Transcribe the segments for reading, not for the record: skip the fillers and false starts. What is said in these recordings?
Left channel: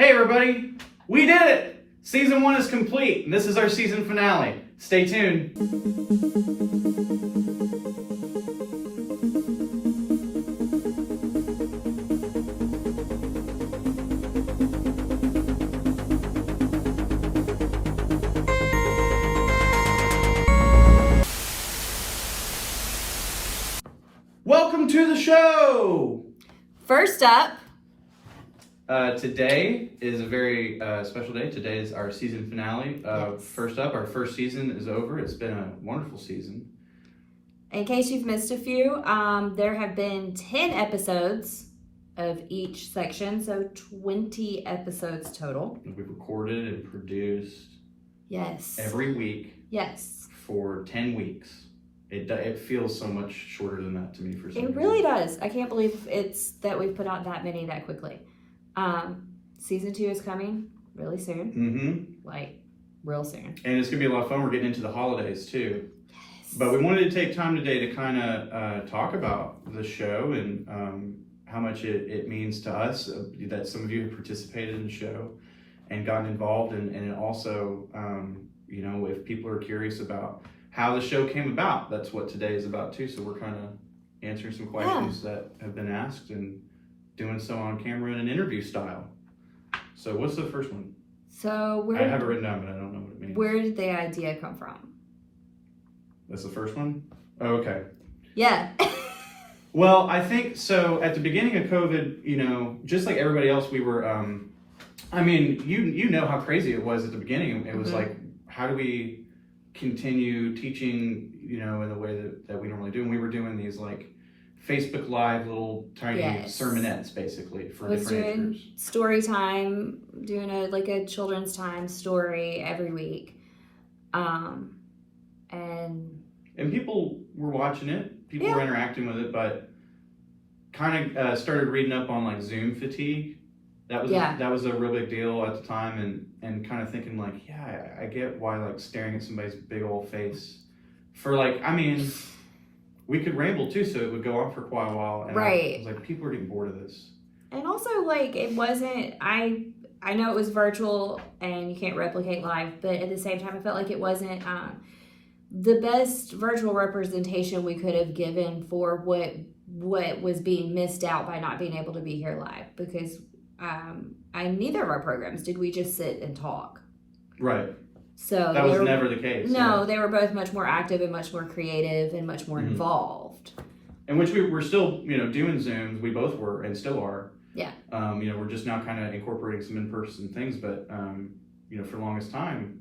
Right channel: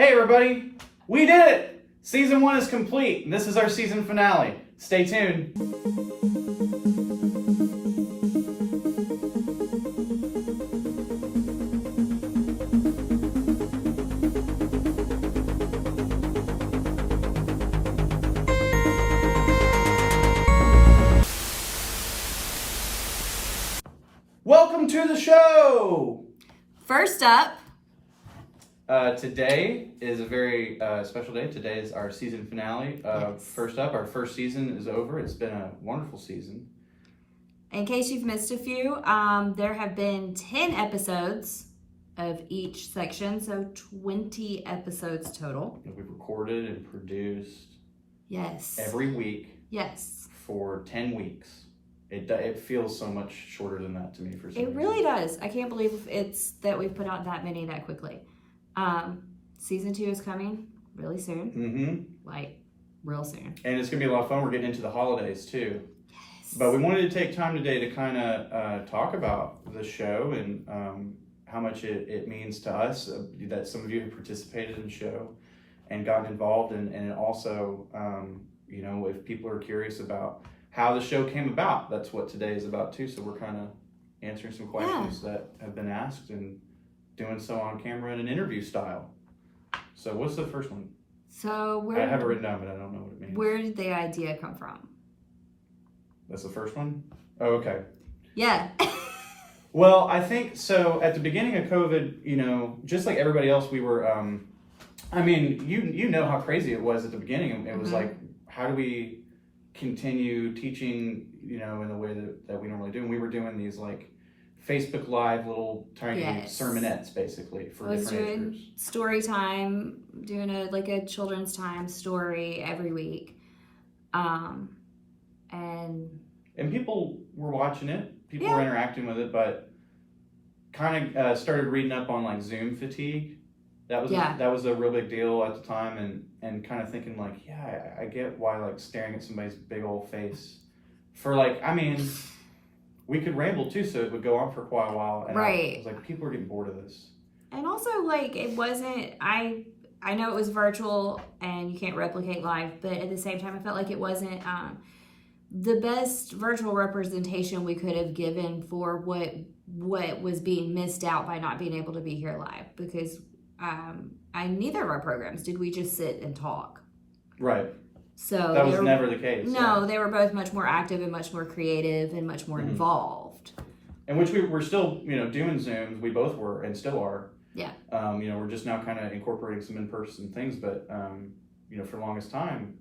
Hey everybody, we did it! Season 1 is complete, and this is our season finale. Stay tuned. Welcome to the show! First up, today is a very special day. Today is our season finale. Yes. First up, our first season is over. It's been a wonderful season. in case you've missed a few, there have been 10 episodes of each section, so 20 episodes total. We've recorded and produced Yes. every week Yes. for 10 weeks. It feels so much shorter than that to me for some It reason. really does. I can't believe it's that we've put out that many that quickly. Season 2 is coming really soon. Mm-hmm. Like, real soon. And it's going to be a lot of fun. We're getting into the holidays too. Yes. But we wanted to take time today to kind of talk about the show and how much it means to us that some of you have participated in the show and gotten involved. And it also, if people are curious about how the show came about, that's what today is about too. So we're kind of answering some questions that have been asked and doing so on camera in an interview style. So what's the first one? So I have it written down, but I don't know what it means. where did the idea come from? That's the first one? Oh, okay. Yeah. Well, I think so. At the beginning of COVID, just like everybody else, we were. You know how crazy it was at the beginning. It was like, how do we continue teaching, in the way that we normally do? And we were doing these like Facebook Live little tiny sermonettes, basically for I was different doing age groups. story time, doing a children's time story every week, And people were watching it. People were interacting with it, but kind of started reading up on like Zoom fatigue. That was a real big deal at the time, and kind of thinking like, I get why like staring at somebody's big old face for we could ramble too, so it would go on for quite a while. And right. I was like, people are getting bored of this. And also, like, it wasn't, I know it was virtual and you can't replicate live, but at the same time, I felt like it wasn't the best virtual representation we could have given for what was being missed out by not being able to be here live. Because neither of our programs did we just sit and talk. Right. So that was never the case. No, they were both much more active and much more creative and much more involved. In which we're still, doing Zooms. We both were and still are. Yeah. We're just now kind of incorporating some in-person things, but for the longest time,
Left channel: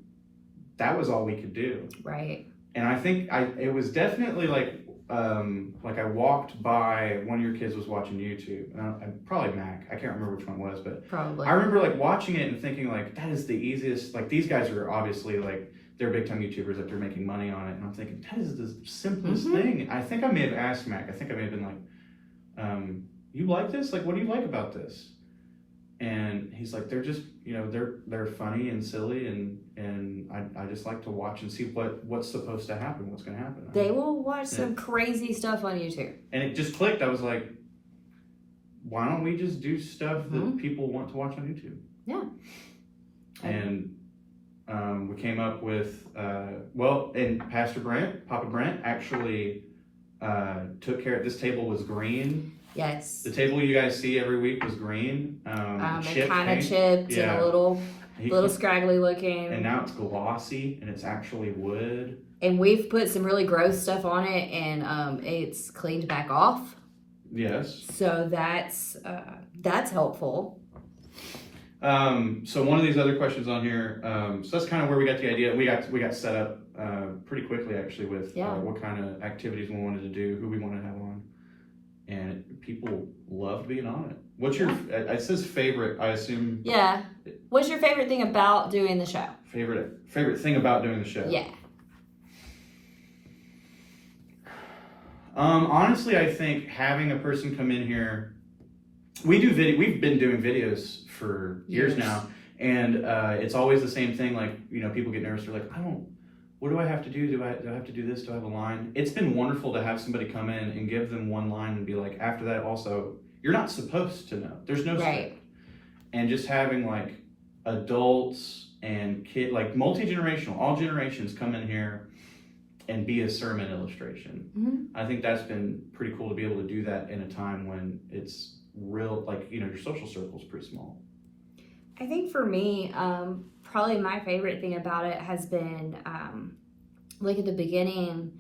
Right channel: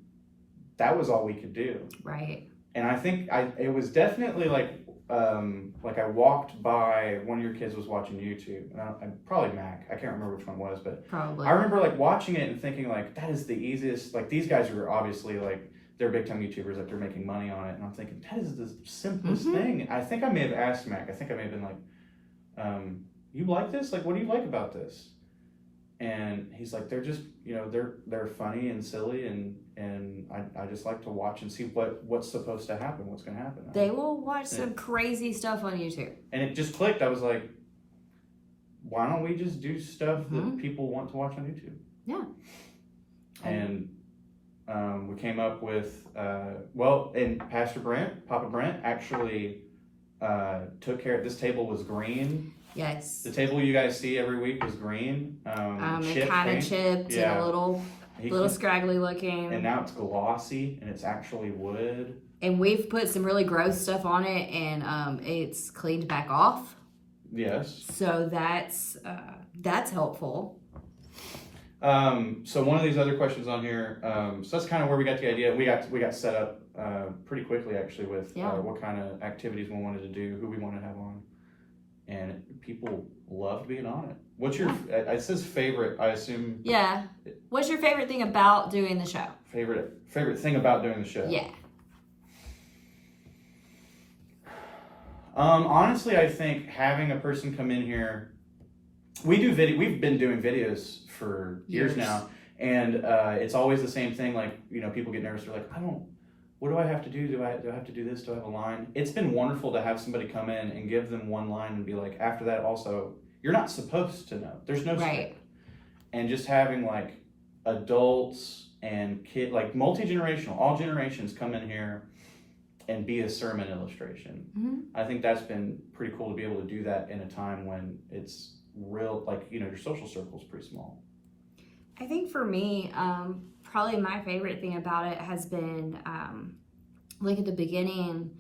that was all we could do. Right. And I think it was definitely like I walked by, one of your kids was watching YouTube, probably Mac, I can't remember which one it was, but probably. I remember like watching it and thinking like, that is the easiest, like these guys are obviously like, they're big time YouTubers, like they're making money on it, and I'm thinking, that is the simplest thing. I think I may have asked Mac, I think I may have been like, you like this? Like, what do you like about this? And he's like, they're just, they're funny and silly, and I just like to watch and see what's supposed to happen, what's going to happen. They will watch some crazy stuff on YouTube. And it just clicked. I was like, why don't we just do stuff that people want to watch on YouTube? Yeah. And we came up with, and Pastor Brent, Papa Brent, actually took care of, this table was green. Yes. The table you guys see every week was green. It kind of chipped and a little scraggly looking. And now it's glossy and it's actually wood. And we've put some really gross stuff on it, and it's cleaned back off. Yes. So that's helpful. So one of these other questions on here, so that's kind of where we got the idea. We got set up pretty quickly actually with what kind of activities we wanted to do, who we wanted to have on. And people loved being on it. What's your, it says favorite, I assume. Yeah. What's your favorite thing about doing the show? Favorite thing about doing the show? Yeah. Honestly, I think having a person come in here, we've been doing videos for years now, and it's always the same thing. Like, people get nervous. They're like, what do I have to do? Do I have to do this? Do I have a line? It's been wonderful to have somebody come in and give them one line and be like, after that also, you're not supposed to know. There's no script. and just having like adults and like multi-generational, all generations come in here and be a sermon illustration. I think that's been pretty cool to be able to do that in a time when it's real, like, your social circle is pretty small. I think for me, probably my favorite thing about it has been like at the beginning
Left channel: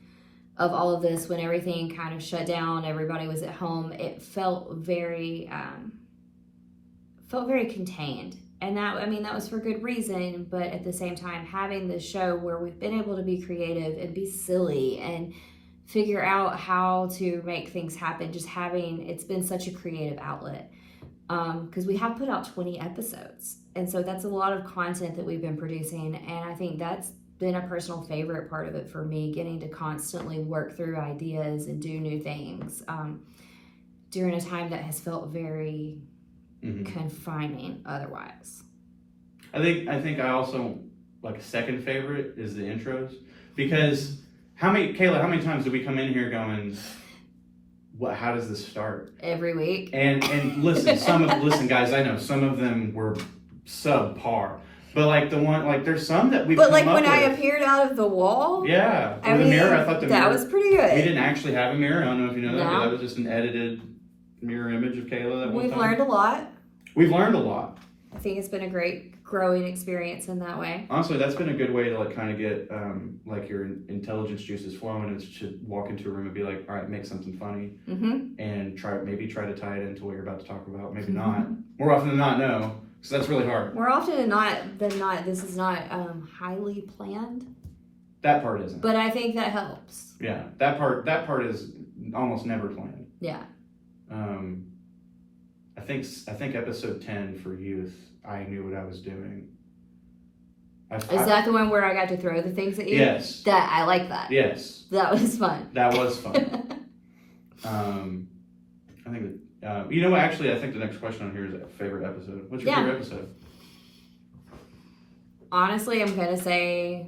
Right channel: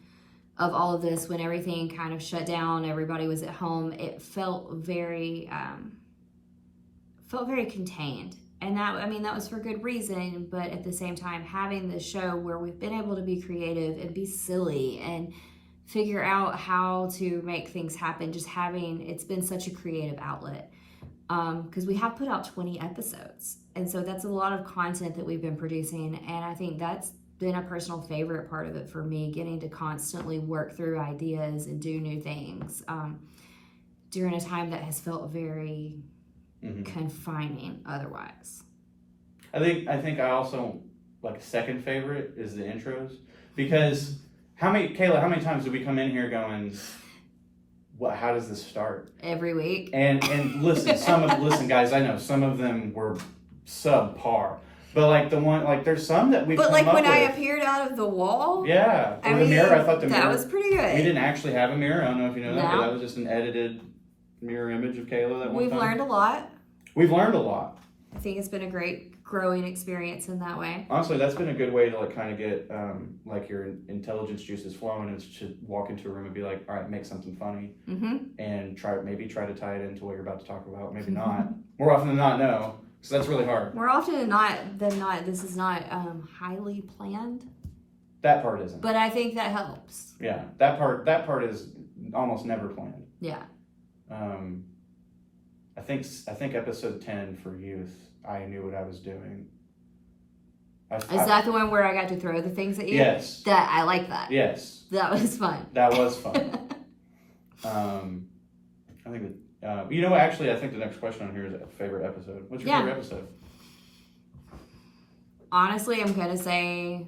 of all of this, when everything kind of shut down, everybody was at home, it felt very contained. And that was for good reason, but at the same time, having this show where we've been able to be creative and be silly and figure out how to make things happen, it's been such a creative outlet. Because we have put out 20 episodes. And so that's a lot of content that we've been producing. And I think that's been a personal favorite part of it for me, getting to constantly work through ideas and do new things during a time that has felt very confining otherwise. I think I also, like, a second favorite is the intros. Because Kayla, how many times do we come in here going, how does this start? Every week. And listen, guys, I know some of them were subpar. But like there's some that we've But like come when up I with. appeared out of the wall. Yeah. I The mean, mirror, I thought that was pretty good. We didn't actually have a mirror. I don't know if you know that, No. but that was just an edited mirror image of Kayla. That We've learned a lot. We've learned a lot. I think it's been a great growing experience in that way. Honestly, that's been a good way to like kind of get like your intelligence juices flowing, is to walk into a room and be like, all right, make something funny, and try to tie it into what you're about to talk about. Maybe not. More often than not, no. So that's really hard. More often than not, this is not highly planned. That part isn't. But I think that helps. Yeah, that part is almost never planned. Yeah. I think episode 10 for youth, I knew what I was doing. Is that the one where I got to throw the things at you? Yes. I like that. Yes. That was fun. That was fun. I think actually, I think the next question on here is a favorite episode. What's your favorite episode? Honestly, I'm gonna say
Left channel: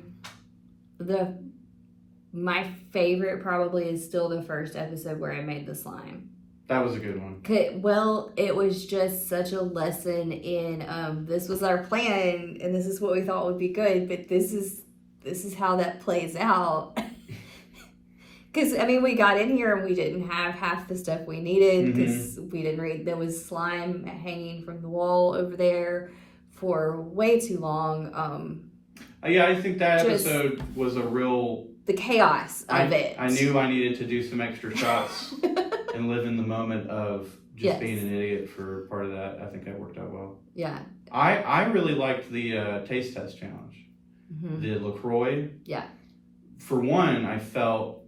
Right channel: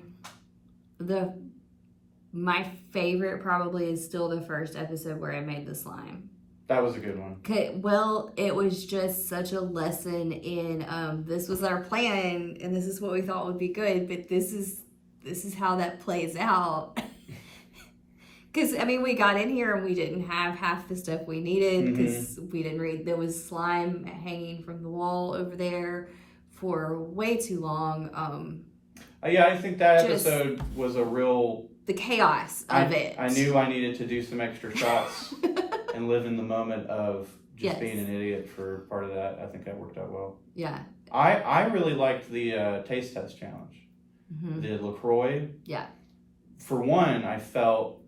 my favorite probably is still the first episode where I made the slime. That was a good one. Well, it was just such a lesson in this was our plan and this is what we thought would be good, but this is how that plays out. Because, we got in here and we didn't have half the stuff we needed because we didn't read. There was slime hanging from the wall over there for way too long. Yeah, I think that episode was a real... The chaos of it. I knew I needed to do some extra shots and live in the moment of just being an idiot for part of that. I think that worked out well. Yeah. I really liked the taste test challenge. The LaCroix. Yeah. For one, I felt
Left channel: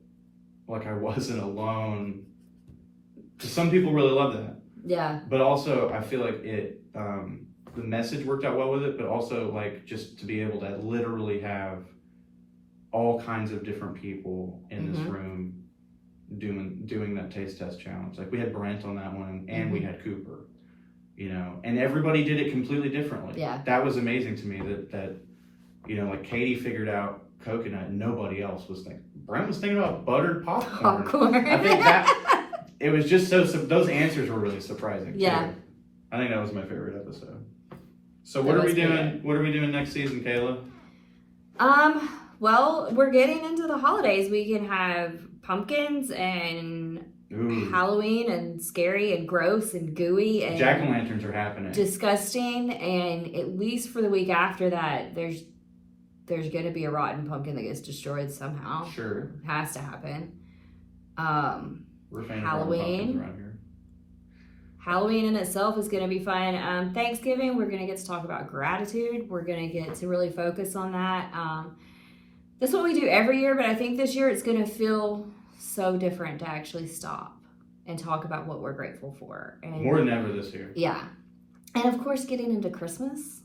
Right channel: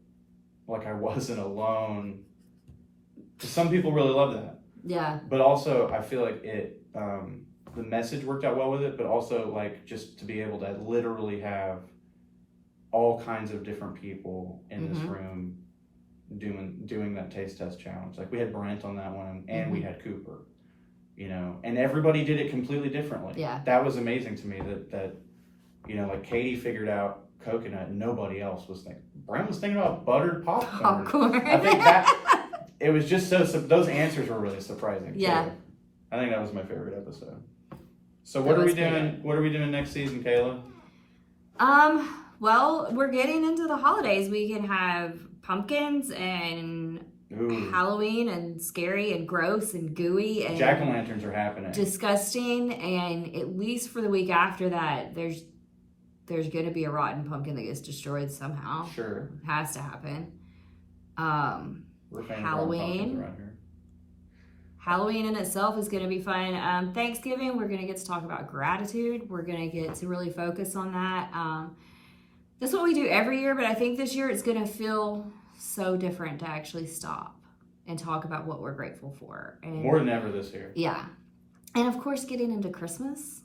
like I wasn't alone. Some people really loved that. Yeah. But also, I feel like it, the message worked out well with it, but also like just to be able to literally have all kinds of different people in this room doing that taste test challenge. Like we had Brent on that one, and we had Cooper, and everybody did it completely differently. Yeah. That was amazing to me that like Katie figured out coconut and nobody else was thinking. Brent was thinking about buttered popcorn. I think it was just those answers were really surprising. Yeah. Too. I think that was my favorite episode. So what are we doing? What are we doing next season, Kayla? Well, we're getting into the holidays. We can have pumpkins and Halloween and scary and gross and gooey and jack-o'-lanterns are happening. Disgusting, and at least for the week after that, there's going to be a rotten pumpkin that gets destroyed somehow. Sure. It has to happen. Halloween. Halloween in itself is going to be fun. Thanksgiving, we're going to get to talk about gratitude. We're going to get to really focus on that. That's what we do every year, but I think this year it's going to feel so different to actually stop and talk about what we're grateful for. And more than ever this year. Yeah. And of course, getting into Christmas.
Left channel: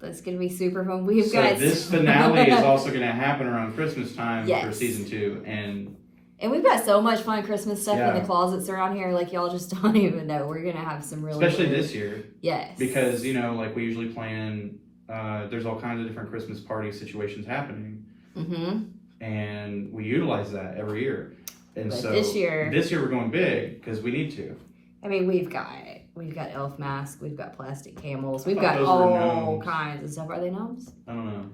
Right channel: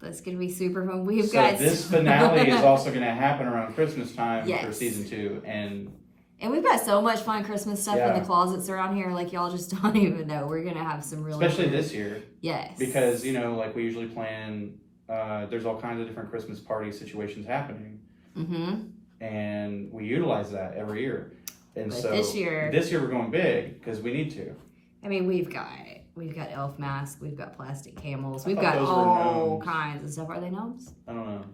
That's going to be super fun. This finale is also going to happen around Christmas time for season 2. And we've got so much fun Christmas stuff in the closets around here. Like, y'all just don't even know. We're going to have some really especially this year. Yes. Because, like we usually plan, there's all kinds of different Christmas party situations happening. And we utilize that every year. And but so this year we're going big because we need to. We've got we've got elf masks, we've got plastic camels, we've thought got those were all gnomes. kinds of stuff. Are they gnomes? I don't know.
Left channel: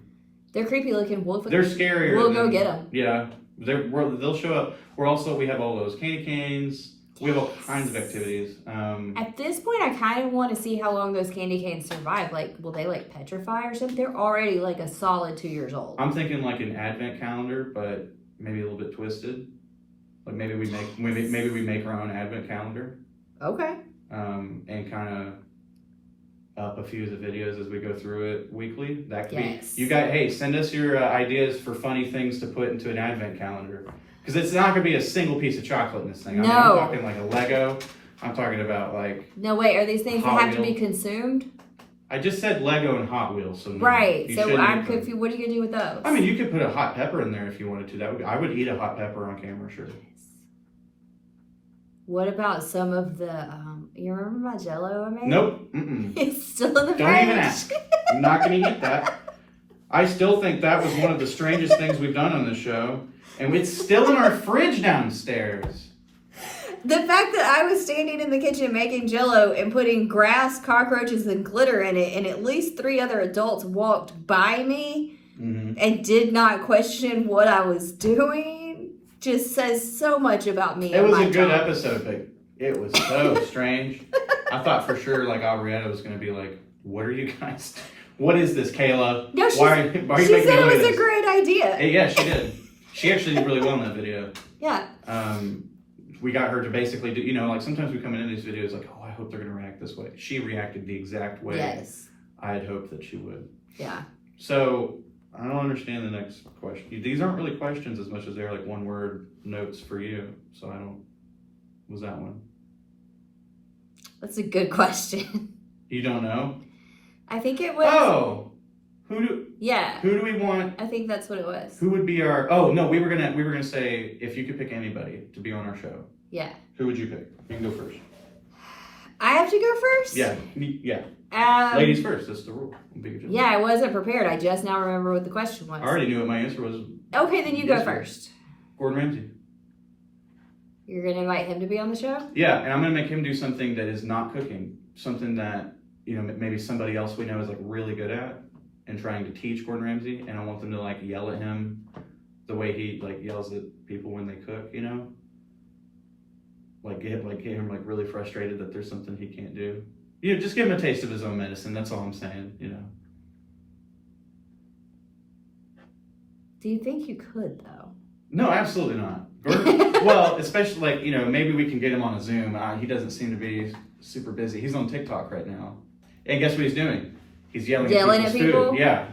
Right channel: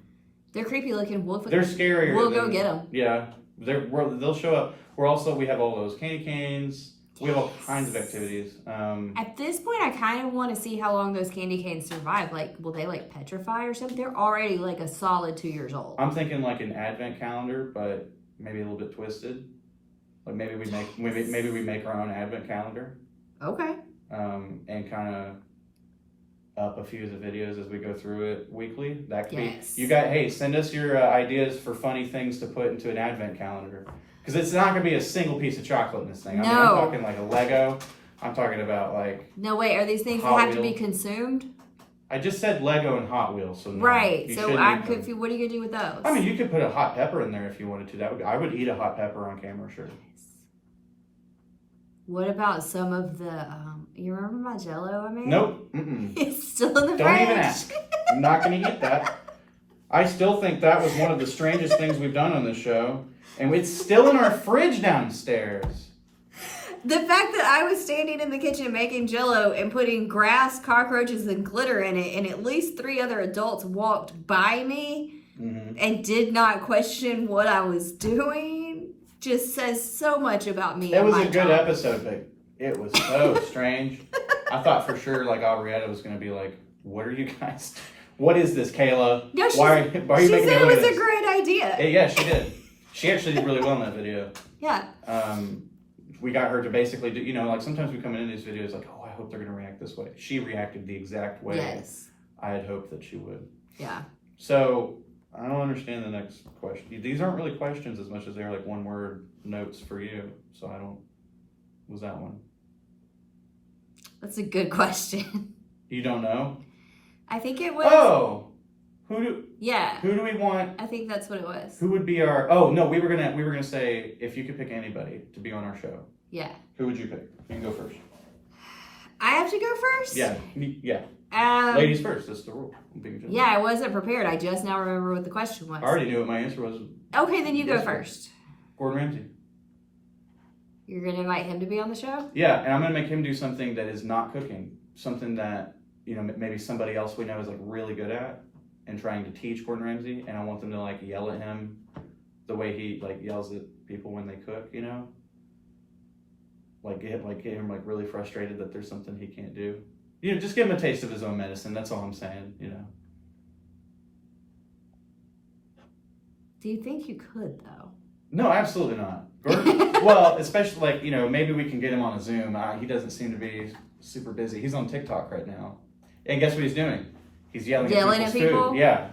They're creepy looking. They're scarier. We'll go get them. Yeah, they'll show up. We have all those candy canes. We have all kinds of activities. At this point, I kind of want to see how long those candy canes survive. Like, will they like petrify or something? They're already like a solid 2 years old. I'm thinking like an advent calendar, but maybe a little bit twisted. Like maybe we make our own advent calendar. Okay. And kind of up a few of the videos as we go through it weekly. That could Yes. be. You got. Hey, send us your ideas for funny things to put into an advent calendar. Because it's not going to be a single piece of chocolate in this thing. No. I'm talking like a Lego. I'm talking about like... No, wait. Are these things that Hot have to be Wheels. consumed? I just said Lego and Hot Wheels. So Right. you So shouldn't I'm eat them. confused. What are you going to do with those? I mean, you could put a hot pepper in there if you wanted to. I would eat a hot pepper on camera, sure. What about some of the, you remember my Jell-O I made? Nope. Mm-mm. It's still in the fridge. Don't even ask. I'm not going to eat that. I still think that was one of the strangest things we've done on this show. And it's still in our fridge downstairs. The fact that I was standing in the kitchen making Jell-O and putting grass, cockroaches, and glitter in it, and at least 3 other adults walked by me and did not question what I was doing, just says so much about me. It and was my a good job. episode, but it was so strange. I thought for sure, like, Henrietta was going to be like, what are you guys... What is this, Kayla? No, why are you she making said me it look was at a this? great idea. Yeah, she did. She actually did really well in that video. Yeah. We got her to basically do, like sometimes we come into these videos like, oh, I hope they're going to react this way. She reacted the exact way Yes. I had hoped that she would. Yeah. So, I don't understand the next question. These aren't really questions as much as they're like one-word notes for you. So was that one? That's a good question. You don't know? I think it was. Oh! Yeah. Who do we want? I think that's what it was. Who would be our... Oh, no, we were gonna say, if you could pick anybody to be on our show, Yeah. who would you pick? You can go first. I have to go first? Yeah. Ladies first, that's the rule. Yeah, I wasn't prepared. I just now remember what the question was. I already knew what my answer was. Okay, then you go Yes, ma'am. first. Gordon Ramsay. You're going to invite him to be on the show? Yeah, and I'm gonna make him do something that is not cooking. Something that, maybe somebody else we know is like really good at and trying to teach Gordon Ramsay, and I want them to like yell at him the way he like yells at people when they cook, Like get him like really frustrated that there's something he can't do. Just give him a taste of his own medicine, that's all I'm saying, Do you think you could, though? No, absolutely not. Gordon, well, especially like, maybe we can get him on a Zoom. He doesn't seem to be super busy. He's on TikTok right now. And guess what he's doing? He's yelling Yelling at at people? Food. Yeah.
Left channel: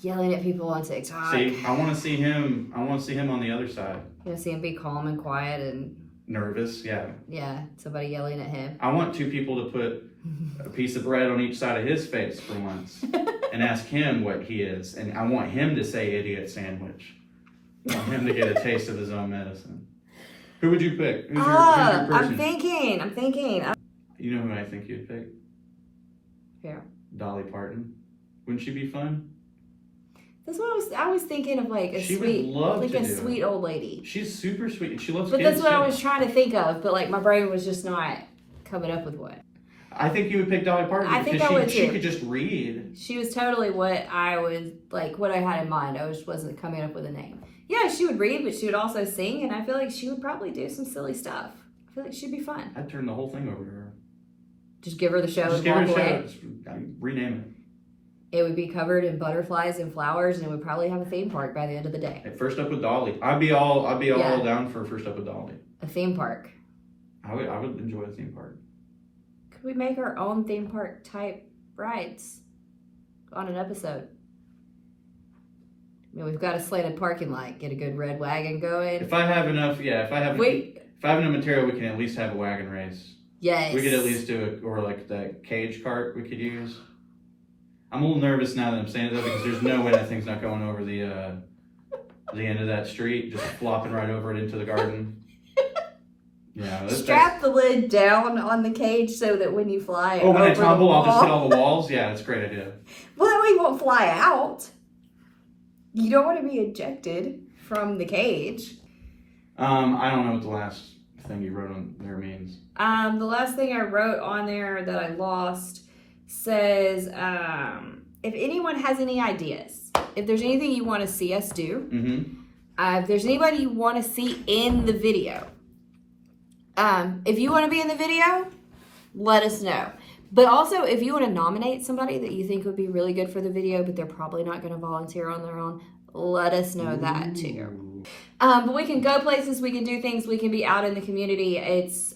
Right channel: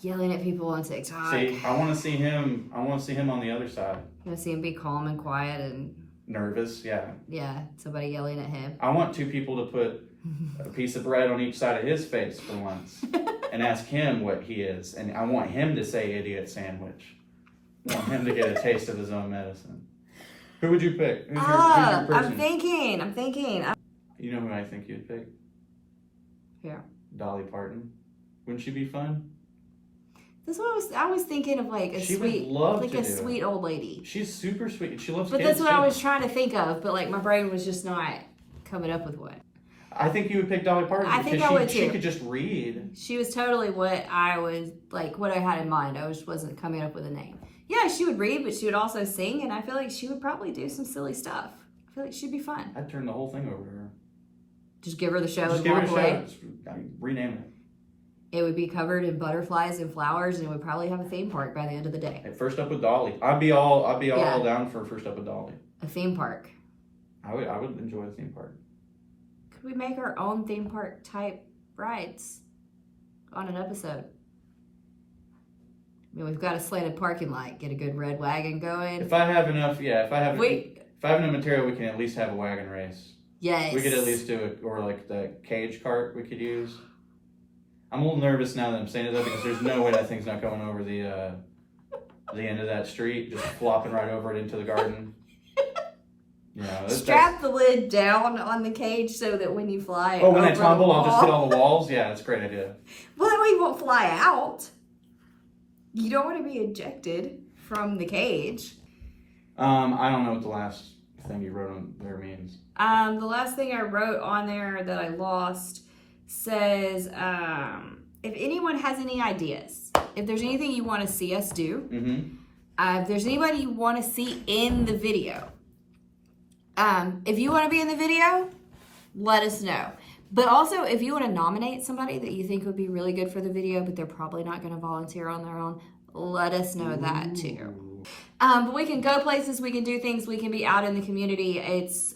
Yelling at people on TikTok. See, I want to see him on the other side. You want to see him be calm and quiet and, Nervous, yeah. somebody yelling at him. I want 2 people to put a piece of bread on each side of his face for once and ask him what he is. And I want him to say idiot sandwich. I want him to get a taste of his own medicine. Who would you pick? Who's your I'm person? thinking. You know who I think you'd pick? Yeah. Dolly Parton. Wouldn't she be fun? That's what I was thinking of, like She would love to do. sweet old lady. She's super sweet. She loves But kids that's what too. I was trying to think of, but like my brain was just not coming up with one. I think you would pick Dolly Parton. I think because I would She too. could just read. She was totally what I was, like, what I had in mind. I just wasn't coming up with a name. Yeah, she would read, but she would also sing, and I feel like she would probably do some silly stuff. I feel like she'd be fun. I'd turn the whole thing over to her. Just give her the show Just and give her walk a show. away. Rename It would be covered in butterflies and flowers, and it would probably have a theme park by the end of the day. it. First Up with Dolly. I'd be all Yeah. down for First Up with Dolly. A theme park. I would enjoy a theme park. Could we make our own theme park type rides on an episode? I mean, we've got a slanted parking lot. Get a good red wagon going. If I have enough, if I have enough material, we can at least have a wagon race. Yes. We could at least do it, or like the cage cart we could use. I'm a little nervous now that I'm saying that because there's no way that thing's not going over the end of that street, just flopping right over it into the garden. Yeah, Strap the lid down on the cage so that when you fly when I over the tumble, I'll just hit wall, all the walls. Yeah, that's a great idea. well, that way you won't fly out. You don't want to be ejected from the cage. I don't know what the last thing you wrote on there means. The last thing I wrote on there that I lost says, if anyone has any ideas, if there's anything you want to see us do, if there's anybody you want to see in the video, if you want to be in the video, let us know. But also, if you want to nominate somebody that you think would be really good for the video, but they're probably not going to volunteer on their own, let us know that too. But we can go places, we can do things, we can be out in the community. It's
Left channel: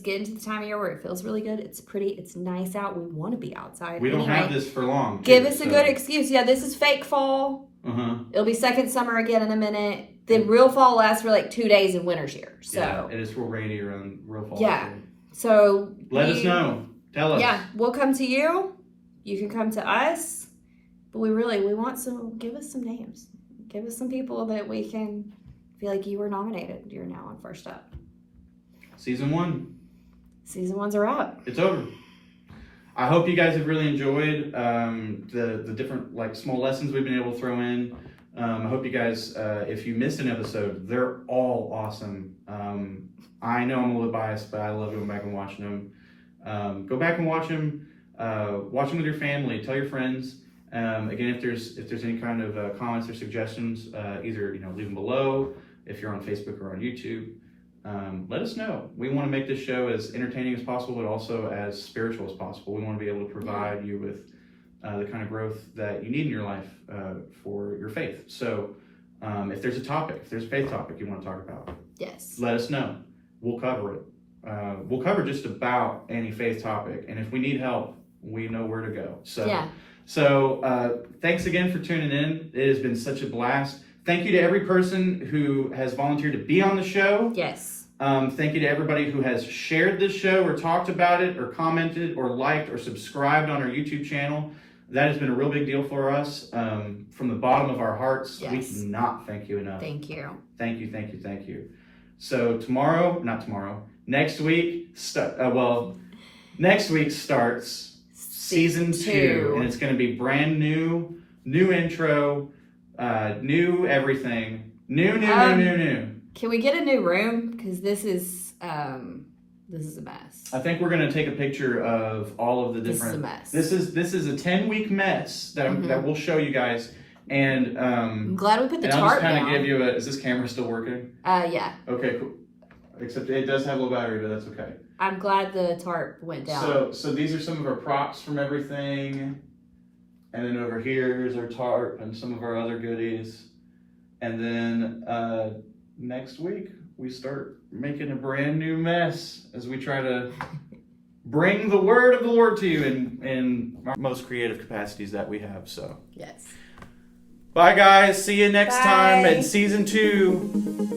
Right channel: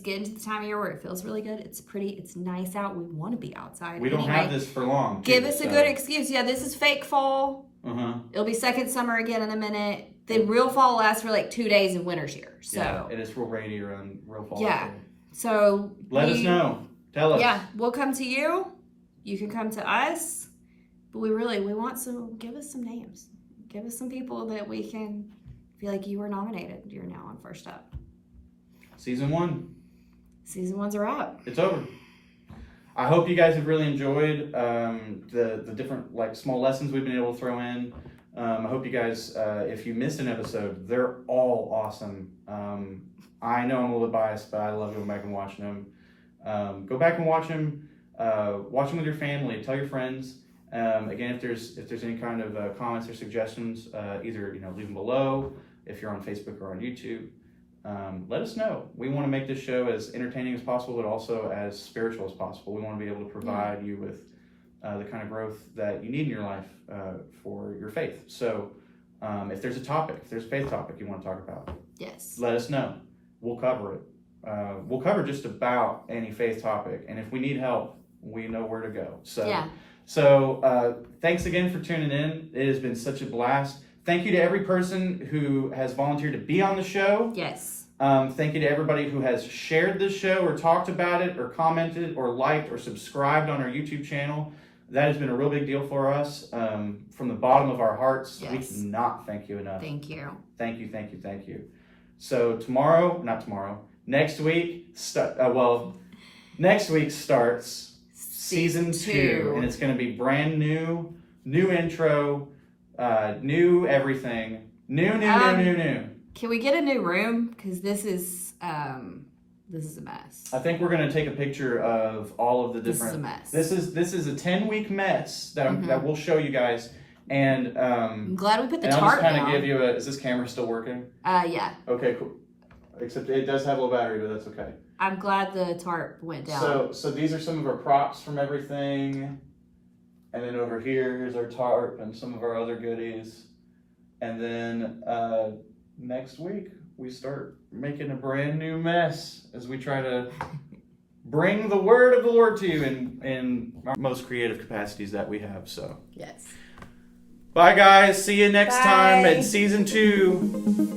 getting to the time of year where it feels really good. It's pretty, it's nice out. We want to be outside. We don't have this for long. Give us a good excuse. Yeah, this is fake fall. Uh-huh. It'll be second summer again in a minute. Then real fall lasts for like 2 days in winter's here. So yeah, and it's real rainy around real fall. Yeah. So let us know. Tell us. Yeah, we'll come to you. You can come to us. But we want some, give us some names. Give us some people that we can feel like you were nominated. You're now on First Up. Season 1. Season 1's a wrap. It's over. I hope you guys have really enjoyed the different like small lessons we've been able to throw in. I hope you guys, if you missed an episode, they're all awesome. I know I'm a little biased, but I love going back and watching them. Go back and watch them. Watch them with your family. Tell your friends. Again, if there's any kind of comments or suggestions, either leave them below if you're on Facebook or on YouTube. Let us know. We want to make this show as entertaining as possible, but also as spiritual as possible. We want to be able to provide you with the kind of growth that you need in your life for your faith. So if there's a topic, if there's a faith topic you want to talk about, yes, let us know. We'll cover it. We'll cover just about any faith topic. And if we need help, we know where to go. So, yeah. So thanks again for tuning in. It has been such a blast. Thank you to every person who has volunteered to be on the show. Yes. Thank you to everybody who has shared this show or talked about it or commented or liked or subscribed on our YouTube channel. That has been a real big deal for us. From the bottom of our hearts, we cannot thank you enough. Thank you. Thank you, thank you, thank you. So next week, next week starts season 2. And it's going to be brand new intro, new everything, new. Can we get a new room? Because this is a mess. I think we're going to take a picture of all of the different. This is a mess. This is a 10-week mess that we'll show you guys. And I'm glad we put the tarp I'll just kind down. of give you is this camera still working? Yeah. Okay, cool. Except it does have a low battery, but that's okay. I'm glad the tarp went down. So these are some of our props from everything. And then over here is our tarp and some of our other goodies. And then next week we start making a brand new mess as we try to bring the word of the Lord to you in our most creative capacities that we have. So yes. Bye guys. See you next Bye. time in season 2.